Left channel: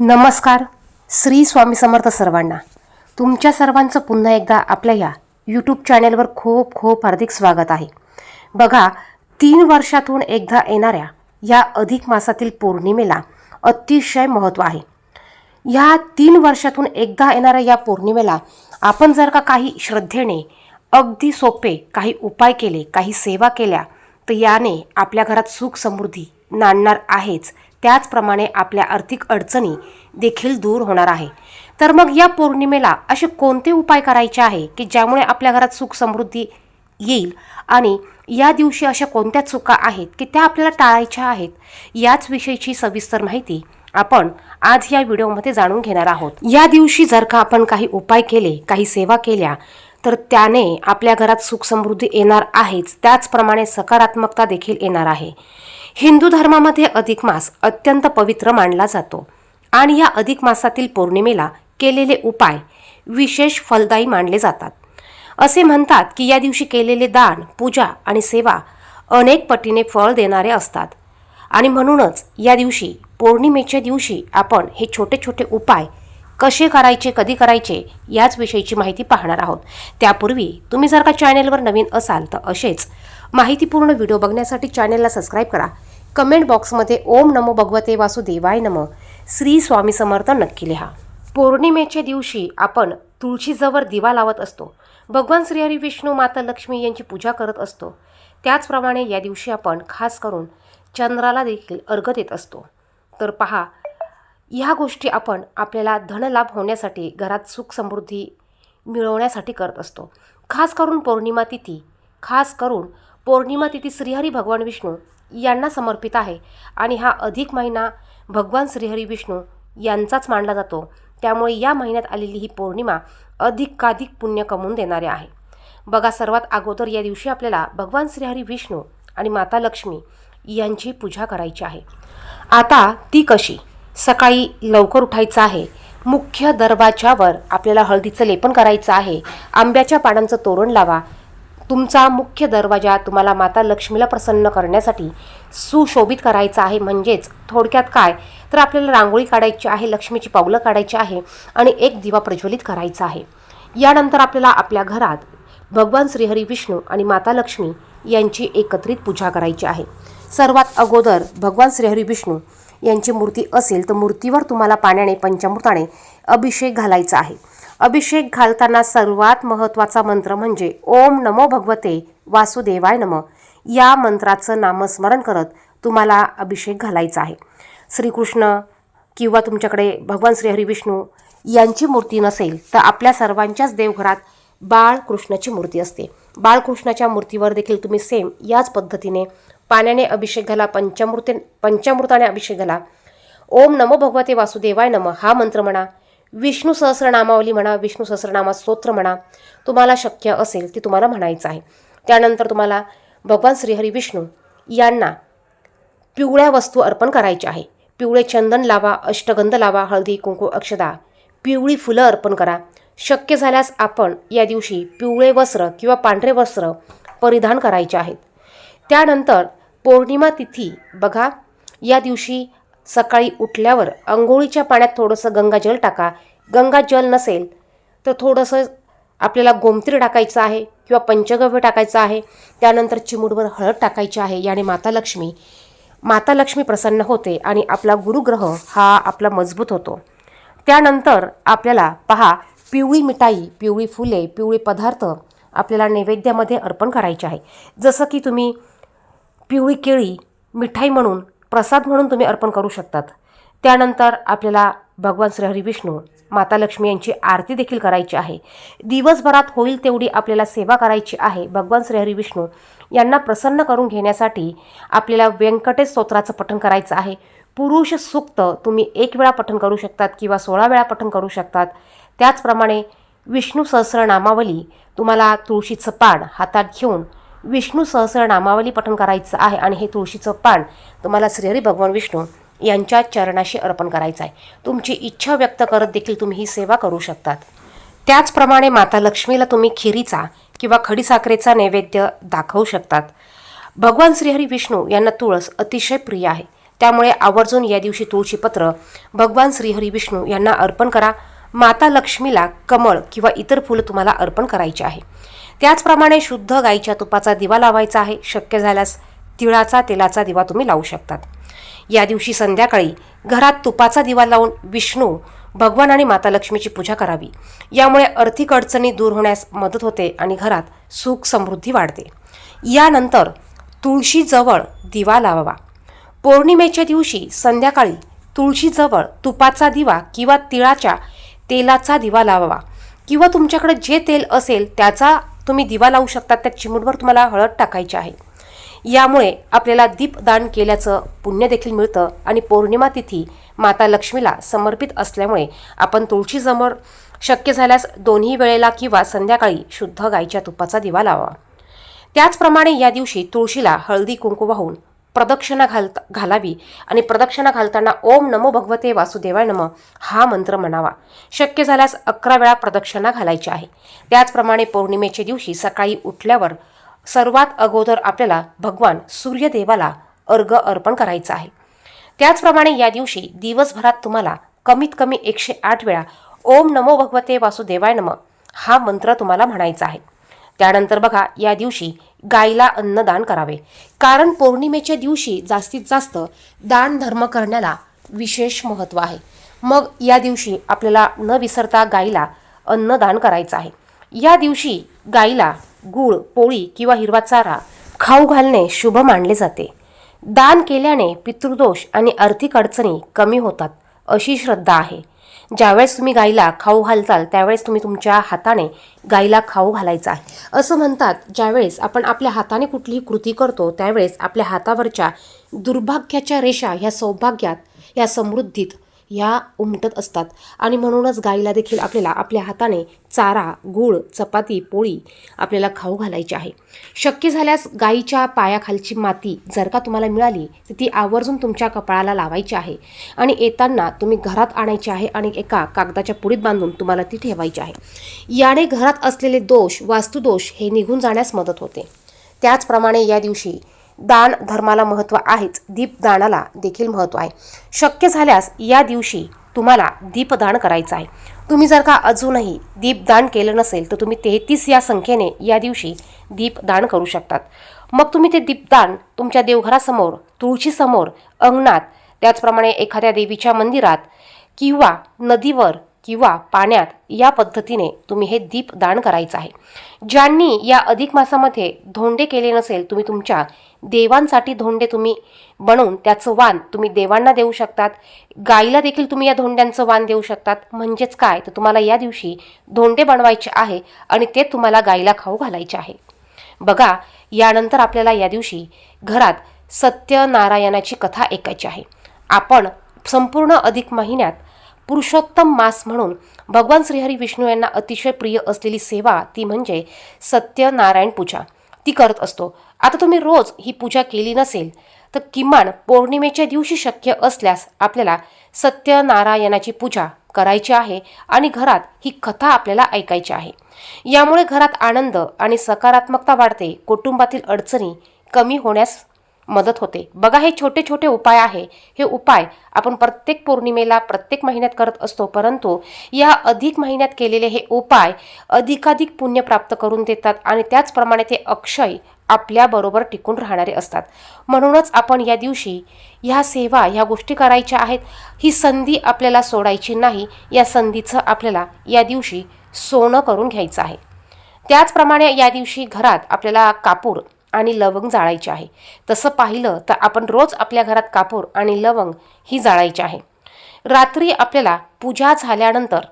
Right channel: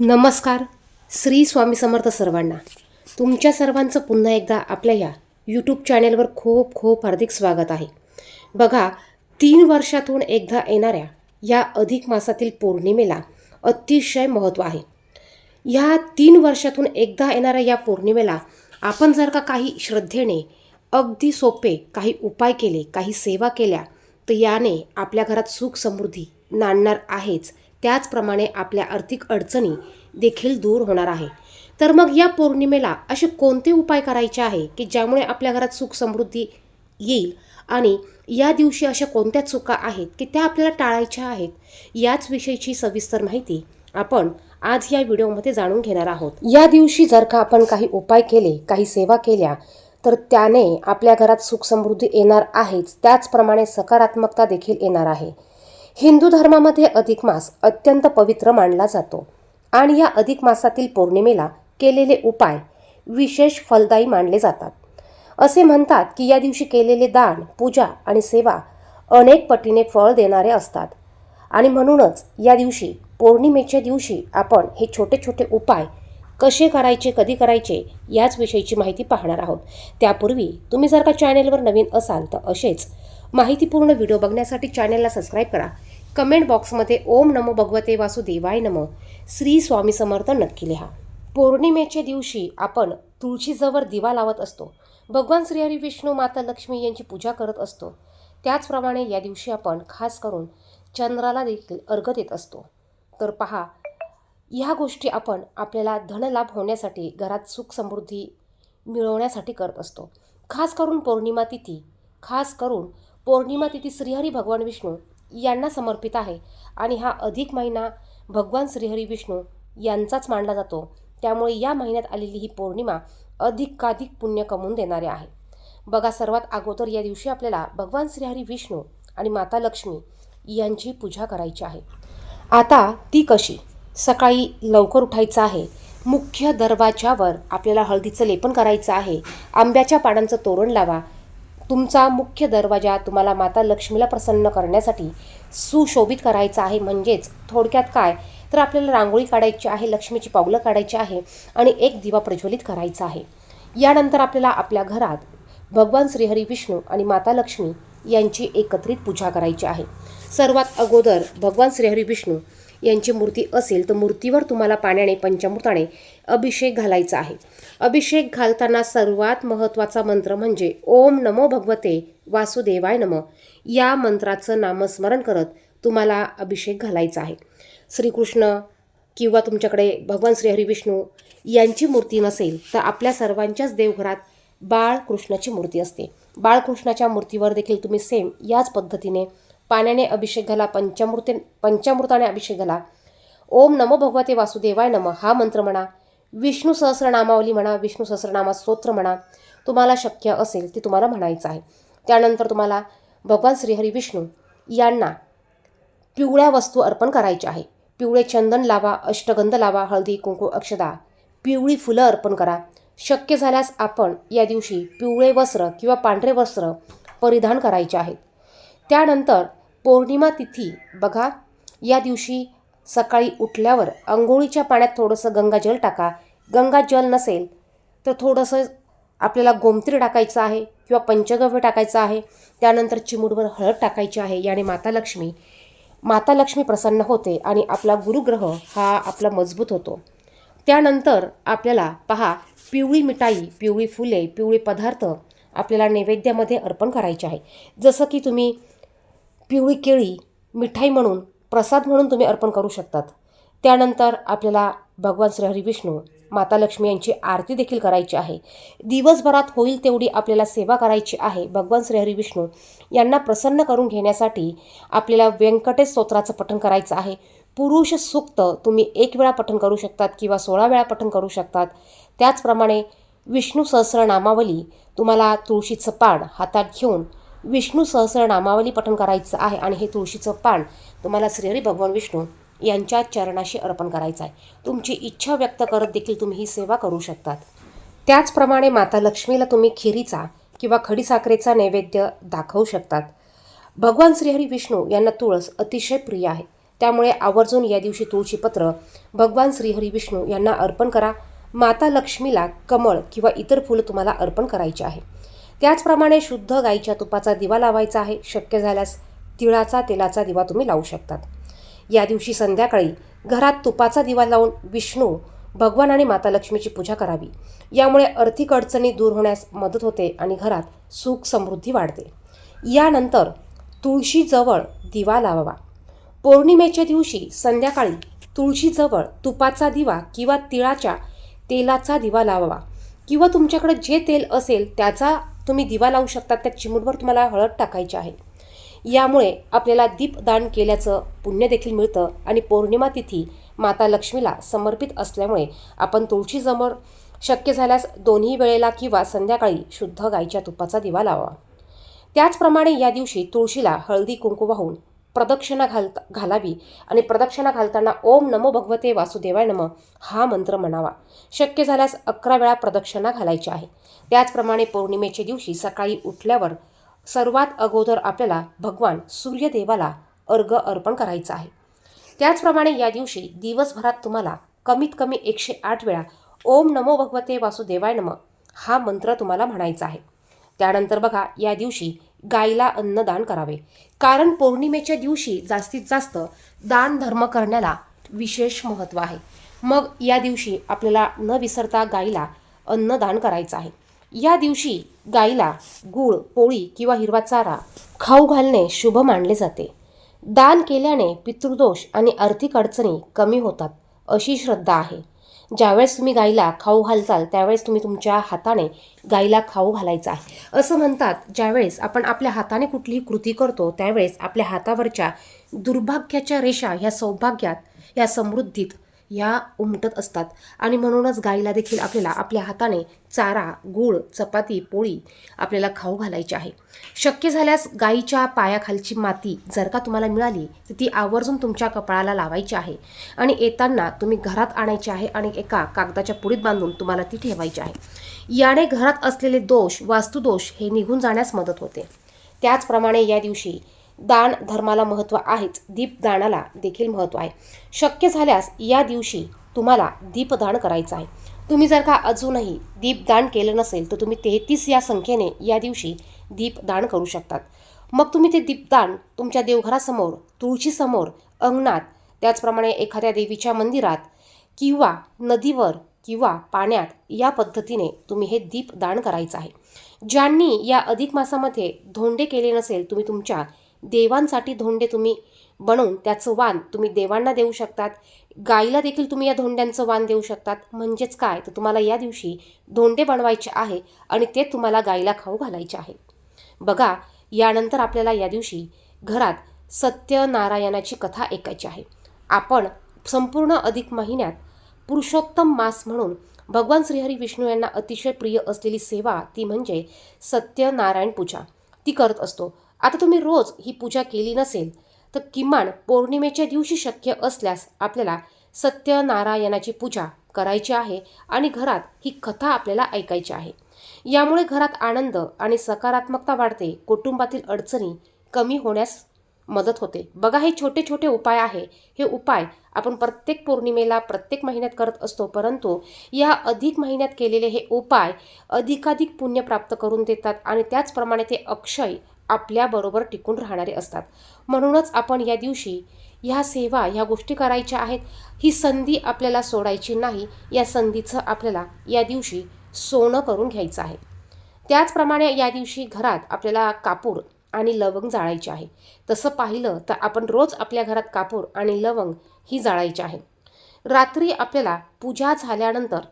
नमस्कार. श्री स्वामी समर्थ सर्वांना. तुमच्या सर्वांचं पुन्हा एकदा आपल्या या यूट्यूब चॅनेलवर खूप खूप हार्दिक स्वागत आहे. बघा, 3 वर्षातून एकदा येणाऱ्या या अधिक मासातील पौर्णिमेला अतिशय महत्त्व आहे. या 3 वर्षातून एकदा येणाऱ्या या पौर्णिमेला आपण जर का काही श्रद्धेने अगदी सोपे काही उपाय केले, काही सेवा केल्या, तर याने आपल्या घरात सुख समृद्धी नांदणार आहेच. त्याचप्रमाणे आपल्या आर्थिक अडचणी देखील दूर होणार आहे. तर मग या पौर्णिमेला असे कोणते उपाय करायचे आहे की ज्यामुळे आपल्या घरात सुख समृद्धी येईल, आणि या दिवशी अशा कोणत्या चुका आहेत की त्या आपल्याला टाळायच्या आहेत, याच विषयीची सविस्तर माहिती आपण आज या व्हिडिओमध्ये जाणून घेणार आहोत. या दिवशी जर का आपण काही उपाय केले, काही सेवा केल्या, तर त्याने आपल्या घरात सुख समृद्धी येणार आहेच. त्याचप्रमाणे सकारात्मकता देखील येणार आहे. हिंदू धर्मामध्ये अधिक मास अत्यंत पवित्र मानला जातो आणि या अधिक मासातील पौर्णिमेला केलेले उपाय विशेष फलदायी मानले जातात. असे म्हणतात की या दिवशी केलेले दान, पूजा आणि सेवा अनेक पटीने फळ देणारे असतात. आणि म्हणूनच या दिवशी, पौर्णिमेच्या दिवशी, आपण हे छोटे छोटे उपाय कसे करायचे, कधी करायचे, याच विषयीची माहिती पाहणार आहोत. त्यापूर्वी तुम्ही जर का चॅनेलवर नवीन असाल तर असेच माहितीपूर्ण व्हिडिओ बघण्यासाठी चॅनेलला सबस्क्राईब करा. कमेंट बॉक्समध्ये ओम नमो भगवते वासुदेवाय नमः, श्री स्वामी समर्थ नक्की लिहा. पौर्णिमेच्या दिवशी आपण तुळशीजवळ दिवा लावत असतो. भगवान श्रीहरी विष्णू, माता लक्ष्मी यांची पूजा करत असतो. त्याचप्रमाणे या दिवशी आपण खास करून चंद्राला देखील अर्घ्य देत असतो. तर पहा, ह्या गोष्टी आपण आपल्याला धनलाभ होण्यासाठी, घरात सुख समृद्धी मिळवण्यासाठी करत असतो. खास करून पौर्णिमा तिथी श्रीहरी भगवान विष्णू यांना समर्पित आहे. आणि हा अधिक महिना भगवान श्रीहरी विष्णू यांचाच मानला जातो. त्यामुळे या महिन्यात आलेली ही पौर्णिमा अधिकाधिक पुण्य कमवून देणारे आहे. बघा, सर्वात अगोदर या दिवशी आपल्याला भगवान श्रीहरी विष्णू आणि माता लक्ष्मी यांची पूजा करायची आहे. आता ती कशी? सकाळी लवकर उठायचं आहे. मुख्य दरवाजावर आपल्याला हळदीचं लेपन करायचं आहे. आंब्याच्या पानांचं तोरण लावा. तुमचा मुख्य दरवाजा तुम्हाला माता लक्ष्मीला प्रसन्न करण्यासाठी सुशोभित करायचा आहे. म्हणजेच थोडक्यात काय, तर आपल्याला रांगोळी काढायची आहे, लक्ष्मीची पावलं काढायची आहे आणि एक दिवा प्रज्वलित करायचा आहे. यानंतर आपल्याला आपल्या घरात भगवान श्रीहरी विष्णू आणि माता लक्ष्मी यांची एकत्रित पूजा करायची आहे. सर्वात अगोदर भगवान श्रीहरी विष्णू यांची मूर्ती असेल तर मूर्तीवर तुम्हाला पाण्याने, पंचामृताने अभिषेक घालायचा आहे. अभिषेक घालताना सर्वात महत्त्वाचा मंत्र म्हणजे ओम नमो भगवते वासुदेवाय नमः या मंत्राचं नामस्मरण करत तुम्हाला अभिषेक घालायचा आहे. श्रीकृष्ण किंवा तुमच्याकडे भगवान श्रीहरी विष्णू यांची मूर्ती नसेल तर आपल्या सर्वांच्याच देवघरात बाळकृष्णाची मूर्ती असते. बाळकृष्णाच्या मूर्तीवर देखील तुम्ही सेम याच पद्धतीने पाण्याने अभिषेक घाला, पंचामृताने अभिषेक घाला. ओम नमो भगवते वासुदेवाय नमः हा मंत्र म्हणा. विष्णू सहस्रनामावली म्हणा, विष्णू सहस्रनामा स्तोत्र म्हणा. तुम्हाला शक्य असेल ते तुम्हाला म्हणायचं आहे. त्यानंतर तुम्हाला भगवान श्रीहरी विष्णू यांना पिवळ्या वस्तू अर्पण करायच्या आहे. पिवळे चंदन लावा, अष्टगंध लावा, हळदी, कुंकू, अक्षदा, पिवळी फुलं अर्पण करा. शक्य झाल्यास आपण या दिवशी पिवळे वस्त्र किंवा पांढरे वस्त्र परिधान करायचे आहेत. त्यानंतर पौर्णिमा तिथी, बघा, या दिवशी सकाळी उठल्यावर अंघोळीच्या पाण्यात थोडंसं गंगाजल टाका. गंगाजल नसेल तर थोडंसं आपल्याला गोमतीर टाकायचं आहे किंवा पंचगव्य टाकायचं आहे. त्यानंतर चिमूटभर हळद टाकायची आहे. याने माता लक्ष्मी प्रसन्न होते आणि आपला गुरुग्रह हा आपला मजबूत होतो. त्यानंतर आपल्याला पहा, पिवळी मिठाई, पिवळी फुले, पिवळे पदार्थ आपल्याला नैवेद्यामध्ये अर्पण करायचे आहे. जसं की तुम्ही पिवळी केळी मिठाई म्हणून, प्रसाद म्हणून तुम्ही अर्पण करू शकतात. त्यानंतर आपल्याला भगवान श्रीहरी विष्णू, माता लक्ष्मी यांची आरती देखील करायची आहे. दिवसभरात होईल तेवढी आपल्याला सेवा करायची आहे. भगवान श्रीहरी विष्णू यांना प्रसन्न करून घेण्यासाठी आपल्याला व्यंकटेश स्तोत्राचं पठण करायचं आहे. पुरुष सूक्त तुम्ही 1 वेळा पठण करू शकतात किंवा 16 वेळा पठण करू शकतात. त्याचप्रमाणे विष्णू सहस्रनामावली, तुम्हाला तुळशीचं पान हातात घेऊन विष्णू सहस्रनामावली पठण करायचं आहे. आणि हे तुळशीचं पान तुम्हाला श्रीहरी भगवान विष्णू यांच्या चरणाशी अर्पण करायचं आहे. तुमची इच्छा व्यक्त करत देखील तुम्ही ही सेवा करू शकतात. त्याचप्रमाणे माता लक्ष्मीला तुम्ही खिरीचा किंवा खडीसाखरेचा नैवेद्य दाखवू शकतात. भगवान श्रीहरी विष्णू यांना तुळस अतिशय प्रिय आहे. त्यामुळे आवर्जून या दिवशी तुळशीपत्र भगवान श्रीहरी विष्णू यांना अर्पण करा. माता लक्ष्मीला कमळ किंवा इतर फुलं तुम्हाला अर्पण करायचे आहे. त्याचप्रमाणे शुद्ध गाईच्या तुपाचा दिवा लावायचा आहे. शक्य झाल्यास तिळाचा तेलाचा दिवा तुम्ही लावू शकतात. या दिवशी संध्याकाळी घरात तुपाचा दिवा लावून विष्णू भगवान आणि माता लक्ष्मीची पूजा करावी. यामुळे आर्थिक अडचणी दूर होण्यास मदत होते आणि घरात सुख समृद्धी वाढते. यानंतर तुळशीजवळ दिवा लावावा. पौर्णिमेच्या दिवशी संध्याकाळी तुळशीजवळ तुपाचा दिवा किंवा तिळाच्या तेलाचा दिवा लावावा किंवा तुमच्याकडे जे तेल असेल त्याचा तुम्ही दिवा लावू शकता. त्या चिमूटभर तुम्हाला हळद टाकायची आहे. यामुळे आपल्याला दीपदान केल्याचं पुण्य देखील मिळतं आणि पौर्णिमा तिथी माता लक्ष्मीला समर्पित असल्यामुळे आपण तुळशीसमोर शक्य झाल्यास दोन्ही वेळेला किंवा संध्याकाळी शुद्ध गाईच्या तुपाचा दिवा लावावा. त्याचप्रमाणे या दिवशी तुळशीला हळदी कुंकू वाहून प्रदक्षिणा घालावी आणि प्रदक्षिणा घालताना ओम नमो भगवते वासुदेवाय नमः हा मंत्र म्हणावा. शक्य झाल्यास 11 वेळा प्रदक्षिणा घालायची आहे. त्याचप्रमाणे पौर्णिमेच्या दिवशी सकाळी उठल्यावर सर्वात अगोदर आपल्याला भगवान सूर्यदेवाला अर्घ्य अर्पण करायचं आहे. त्याचप्रमाणे या दिवशी दिवसभरात तुम्हाला कमीत कमी 108 वेळा ओम नमो भगवते वासुदेवाय नमः हा मंत्र तुम्हाला म्हणायचा आहे. त्यानंतर बघा, या दिवशी गायीला अन्नदान करावे. कारण पौर्णिमेच्या दिवशी जास्तीत जास्त दान धर्म करण्याला विशेष महत्त्व आहे. मग या दिवशी आपल्याला न विसरता गायीला अन्नदान करायचं आहे. या दिवशी गायीला गूळ, पोळी किंवा हिरवा चारा खाऊ घालणे शुभ मानले जाते. दान केल्याने पितृदोष आणि आर्थिक अडचणी कमी होतात अशी श्रद्धा आहे. ज्यावेळेस तुम्ही गायीला खाऊ घालताल त्यावेळेस तुम्ही तुमच्या हाताने गायीला खाऊ घालायचा आहे. असं म्हणतात, ज्यावेळेस आपण आपल्या हाताने कुठलीही कृती करतो त्यावेळेस आपल्या हातावरच्या दुर्भाग्याच्या रेषा ह्या सौभाग्यात, ह्या समृद्धीत ह्या उमटत असतात आणि म्हणूनच गायीला देखील आपल्याला आपल्या हाताने चारा, गूळ, चपाती, पोळी आपल्याला खाऊ घालायची आहे. शक्य झाल्यास गायीच्या पायाखालची माती जर का तुम्हाला मिळाली तर ती आवर्जून तुमच्या कपाळाला लावायची आहे आणि येताना तुम्ही घरात आणायची आहे आणि एका कागदाच्या पुडीत बांधून तुम्हाला ती ठेवायची आहे. याने घरात असलेले दोष, वास्तुदोष हे निघून जाण्यास मदत होते. त्याचप्रमाणे या दिवशी दान धर्माला महत्त्व आहेच, दीपदानाला देखील महत्त्व आहे. शक्य झाल्यास या दिवशी तुम्हाला दीपदान करायचं आहे. तुम्ही जर का अजूनही दीपदान केलं नसेल तर तुम्ही 33 या संख्येने या दिवशी दीपदान करू शकतात. मग तुम्ही ते दीपदान तुमच्या देवघरासमोर, तुळशीसमोर, अंगणात, त्याचप्रमाणे एखाद्या देवीच्या मंदिरात किंवा नदीवर किंवा पाण्यात या पद्धतीने तुम्ही हे दीपदान करायचं आहे. ज्यांनी या अधिक मासामध्ये धोंडे केले नसेल, तुम्ही तुमच्या देवांसाठी धोंडे तुम्ही बनवून त्याचं वाण तुम्ही देवांना देऊ शकतात. गायीला देखील तुम्ही या धोंड्यांचं वाण देऊ शकतात. म्हणजेच काय तर तुम्हाला या दिवशी धोंडे बनवायचे आहे आणि ते तुम्हाला गायीला खाऊ घालायचे आहे. बघा, यानंतर आपल्याला या दिवशी घरात सत्यनारायणाची कथा ऐकायची आहे. आपण संपूर्ण अधिक महिन्यात पुरुषोत्तम मास म्हणून भगवान श्रीहरी विष्णू यांना अतिशय प्रिय असलेली सेवा ती म्हणजे सत्यनारायण पूजा ती करत असतो. आता तुम्ही रोज ही पूजा केली नसेल तर किमान पौर्णिमेच्या दिवशी शक्य असल्यास आपल्याला सत्यनारायणाची पूजा करायची आहे आणि घरात ही कथा आपल्याला ऐकायची आहे. यामुळे घरात आनंद आणि सकारात्मकता वाढते, कुटुंबातील अडचणी कमी होण्यास मदत होते. बघा, हे छोटे छोटे उपाय आहे. हे उपाय आपण प्रत्येक पौर्णिमेला प्रत्येक महिन्यात करत असतो, परंतु या अधिक महिन्यात केलेले हे उपाय अधिकाधिक पुण्य प्राप्त करून देतात आणि त्याचप्रमाणे ते अक्षय आपल्याबरोबर टिकून राहणारे असतात. म्हणूनच आपण या दिवशी ह्या सेवा, ह्या गोष्टी करायच्या आहेत. ही संधी आपल्याला सोडायची नाही. या संधीचं आपल्याला या दिवशी सोनं करून घ्यायचं आहे. त्याचप्रमाणे या दिवशी घरात आपल्याला कापूर आणि लवंग जाळायचे आहे. तसं पाहिलं तर आपण रोज आपल्या घरात कापूर आणि लवंग ही जाळायची आहे. रात्री आपल्याला पूजा झाल्यानंतर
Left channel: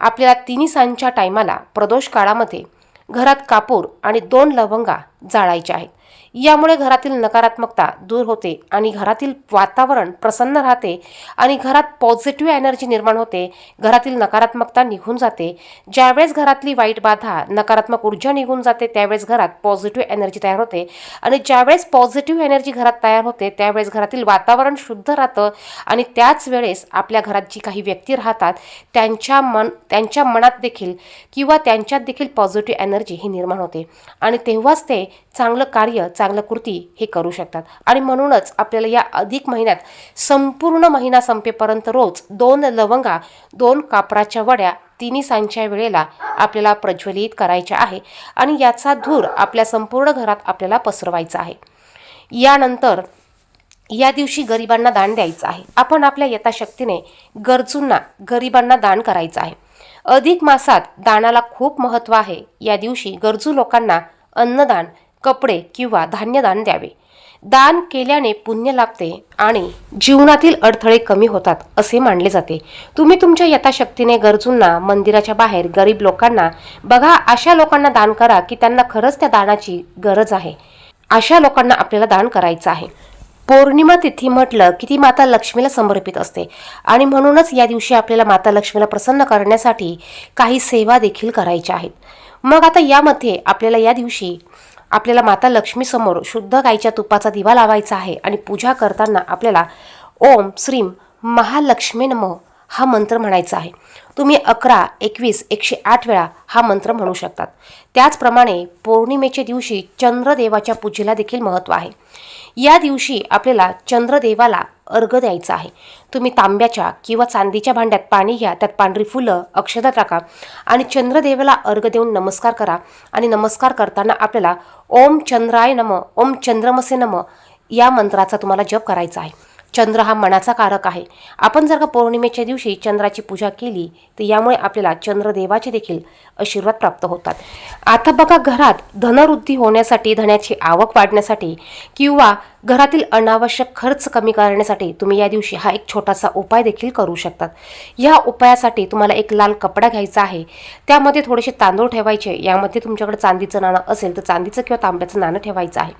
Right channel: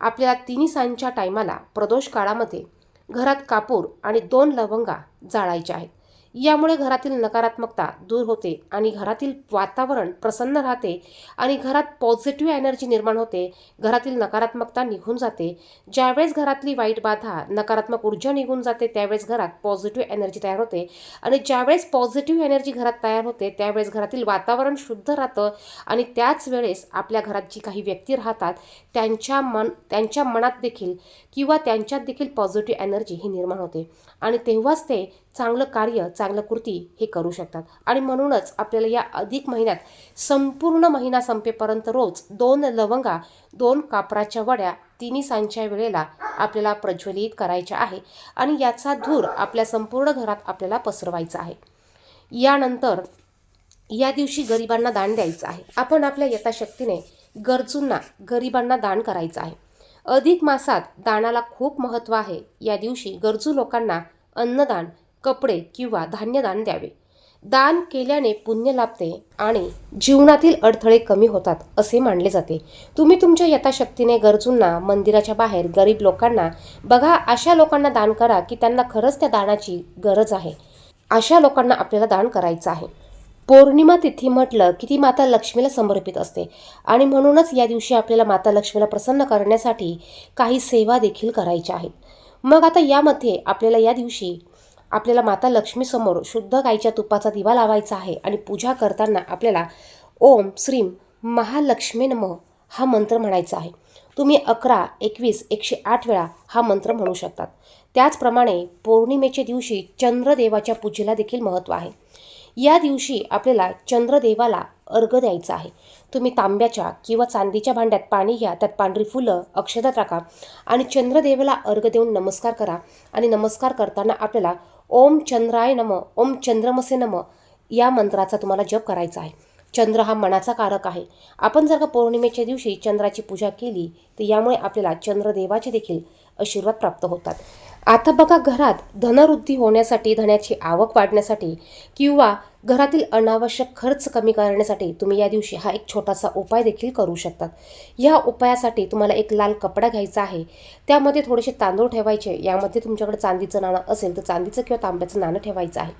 आपल्याला तिन्ही सांजच्या टायमाला प्रदोष काळामध्ये घरात कापूर आणि 2 लवंगा जाळायच्या आहेत. यामुळे घरातील नकारात्मकता दूर होते आणि घरातील वातावरण प्रसन्न राहते आणि घरात पॉझिटिव्ह एनर्जी निर्माण होते. घरातील नकारात्मकता निघून जाते. ज्यावेळेस घरातली वाईट बाधा, नकारात्मक ऊर्जा निघून जाते त्यावेळेस घरात पॉझिटिव्ह एनर्जी तयार होते आणि ज्यावेळेस पॉझिटिव्ह एनर्जी घरात तयार होते त्यावेळेस घरातील वातावरण शुद्ध राहतं आणि त्याच वेळेस आपल्या घरात जी काही व्यक्ती राहतात त्यांच्या मनात देखील किंवा त्यांच्यात देखील पॉझिटिव्ह एनर्जी ही निर्माण होते आणि तेव्हाच ते चांगलं कार्य, चांगलं कृती हे करू शकतात. आणि म्हणूनच आपल्याला या अधिक महिन्यात संपूर्ण महिना संपेपर्यंत रोज 2 लवंगा, 2 कापराच्या वड्या तिन्ही सांजच्या वेळेला आपल्याला प्रज्वलित करायच्या आहे आणि याचा धूर आपल्या संपूर्ण घरात आपल्याला पसरवायचा आहे. यानंतर या दिवशी गरिबांना दान द्यायचं आहे. आपण आपल्या यथाशक्तीने गरजूंना, गरिबांना दान करायचं आहे. अधिक मासात दानाला खूप महत्त्व आहे. या दिवशी गरजू लोकांना अन्नदान, कपडे किंवा धान्यदान द्यावे. दान केल्याने पुण्य लाभते आणि जीवनातील अडथळे कमी होतात असे मानले जाते. तुम्ही तुमच्या यथाशक्तीने गरजूंना, मंदिराच्या बाहेर गरीब लोकांना बघा, अशा लोकांना दान करा की त्यांना खरंच त्या दानाची गरज आहे. अशा लोकांना आपल्याला दान करायचं आहे. पौर्णिमा तिथी म्हटलं की ती माता लक्ष्मीला समर्पित असते आणि म्हणूनच या दिवशी आपल्याला माता लक्ष्मीला प्रसन्न करण्यासाठी काही सेवा देखील करायच्या आहेत. मग आता यामध्ये आपल्याला या दिवशी आपल्याला माता लक्ष्मीसमोर शुद्ध गाईच्या तुपाचा दिवा लावायचा आहे आणि पूजा करताना आपल्याला ओम श्रीम महालक्ष्मी नमः हा मंत्र म्हणायचा आहे. तुम्ही 11, 21, 108 वेळा हा मंत्र म्हणू शकतात. त्याचप्रमाणे पौर्णिमेच्या दिवशी चंद्रदेवाच्या पूजेला देखील महत्त्व आहे. या दिवशी आपल्याला चंद्रदेवाला अर्घ्य द्यायचा आहे. तुम्ही तांब्याच्या किंवा चांदीच्या भांड्यात पाणी घ्या, त्यात पांढरी फुलं, अक्षता टाका आणि चंद्रदेवाला अर्घ्य देऊन नमस्कार करा. आणि नमस्कार करताना आपल्याला ओम चंद्राय नमः, ओम चंद्रमसे नमः या मंत्राचा तुम्हाला जप करायचा आहे. चंद्र हा मनाचा कारक आहे. आपण जर का पौर्णिमेच्या दिवशी चंद्राची पूजा केली तर यामुळे आपल्याला चंद्रदेवाचे देखील आशीर्वाद प्राप्त होतात. आता बघा, घरात धनवृद्धी होण्यासाठी, धनाची आवक वाढण्यासाठी किंवा घरातील अनावश्यक खर्च कमी करण्यासाठी तुम्ही या दिवशी हा एक छोटासा उपाय देखील करू शकतात. या उपायासाठी तुम्हाला एक लाल कपडा घ्यायचा आहे. त्यामध्ये थोडेसे तांदूळ ठेवायचे. यामध्ये तुमच्याकडे चांदीचं नाणं असेल तर चांदीचं किंवा तांब्याचं नाणं ठेवायचं आहे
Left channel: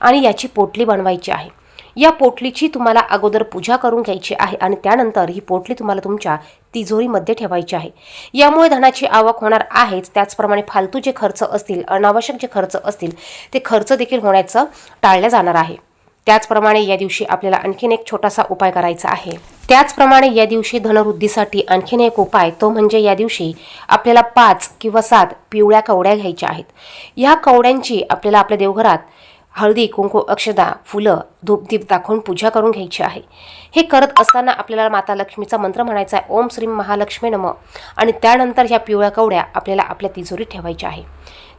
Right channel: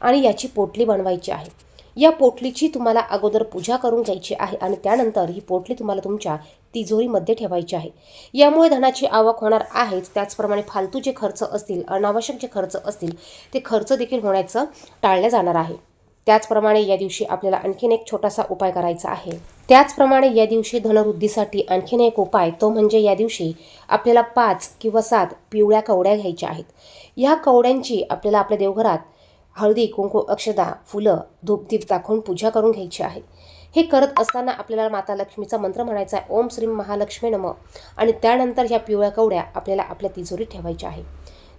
आणि याची पोटली बनवायची आहे. या पोटलीची तुम्हाला अगोदर पूजा करून घ्यायची आहे आणि त्यानंतर ही पोटली तुम्हाला तुमच्या तिजोरीमध्ये ठेवायची आहे. यामुळे धनाची आवक होणार आहेच, त्याचप्रमाणे फालतू जे खर्च असतील, अनावश्यक जे खर्च असतील ते खर्च देखील होण्याचं टाळलं जाणार आहे. त्याचप्रमाणे या दिवशी आपल्याला आणखीन एक छोटासा उपाय करायचा आहे. त्याचप्रमाणे या दिवशी धनवृद्धीसाठी आणखीन एक उपाय, तो म्हणजे या दिवशी आपल्याला 5 किंवा 7 पिवळ्या कवड्या घ्यायच्या आहेत. या कवड्यांची आपल्याला आपल्या देवघरात हळदी, कुंकू, अक्षता, फुलं, धूपदीप दाखवून पूजा करून घ्यायची आहे. हे करत असताना आपल्याला माता लक्ष्मीचा मंत्र म्हणायचा आहे, ओम श्रीम महालक्ष्मी नमः, आणि त्यानंतर ह्या पिवळ्या कवड्या आपल्याला आपल्या तिजोरीत ठेवायच्या आहे.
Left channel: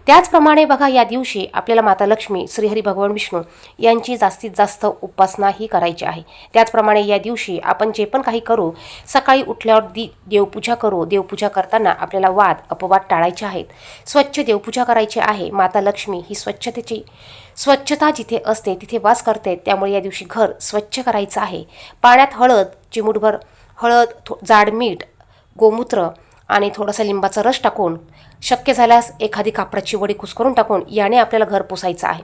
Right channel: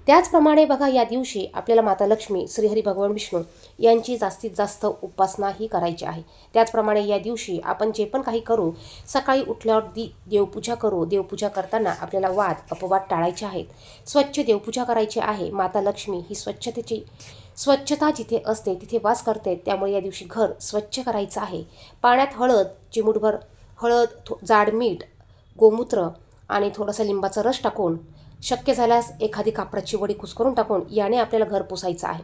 त्याचप्रमाणे बघा, या दिवशी आपल्याला माता लक्ष्मी, श्रीहरी भगवान विष्णू यांची जास्तीत जास्त उपासना ही करायची आहे. त्याचप्रमाणे या दिवशी आपण जे पण काही करू, सकाळी उठल्यावर देवपूजा करू. देवपूजा करताना आपल्याला वाद अपवाद टाळायचे आहेत. स्वच्छ देवपूजा करायची आहे. माता लक्ष्मी ही स्वच्छता जिथे असते तिथे वास करते, त्यामुळे या दिवशी घर स्वच्छ करायचं आहे. पाण्यात हळद, चिमूटभर हळद, जाड मीठ, गोमूत्र आणि थोडासा लिंबाचा रस टाकून, शक्य झाल्यास एखादी कापडाची वडी कुस्करून टाकून याने आपल्याला घर पुसायचं आहे.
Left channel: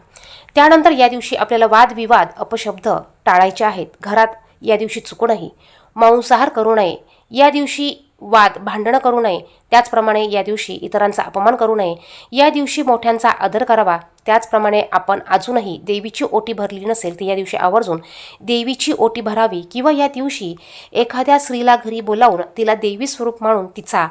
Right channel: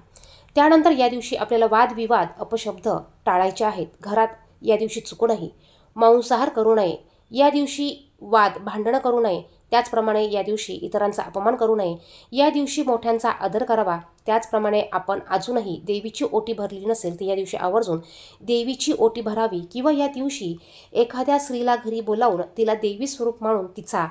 त्यानंतर या दिवशी आपल्याला वादविवाद, अपशब्द टाळायचे आहेत. घरात या दिवशी चुकूनही मांसाहार करू नये. या दिवशी भांडणं करू नये. त्याचप्रमाणे या दिवशी इतरांचा अपमान करू नये. या दिवशी मोठ्यांचा आदर करावा. त्याचप्रमाणे आपण अजूनही देवीची ओटी भरली नसेल तर या दिवशी आवर्जून देवीची ओटी भरावी किंवा या दिवशी एखाद्या स्त्रीला घरी बोलावून तिला देवी स्वरूप मानून तिचा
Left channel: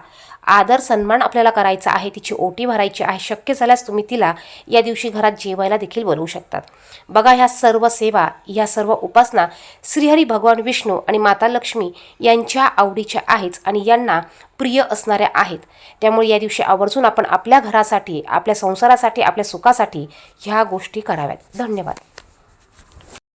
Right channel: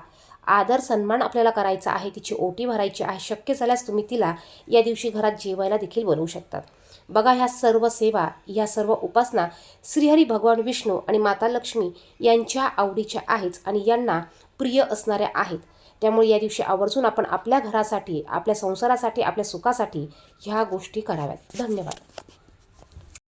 आदर सन्मान आपल्याला करायचा आहे. तिची ओटी भरायची आहे. शक्य झाल्यास तुम्ही तिला या दिवशी घरात जेवायला देखील बोलवू शकतात. बघा, ह्या सर्व सेवा, ह्या सर्व उपासना श्रीहरी भगवान विष्णू आणि माता लक्ष्मी यांच्या आवडीच्या आहेच आणि यांना प्रिय असणाऱ्या आहेत. त्यामुळे या दिवशी आवर्जून आपण आपल्या घरासाठी, आपल्या संसारासाठी, आपल्या सुखासाठी ह्या गोष्टी कराव्यात. धन्यवाद.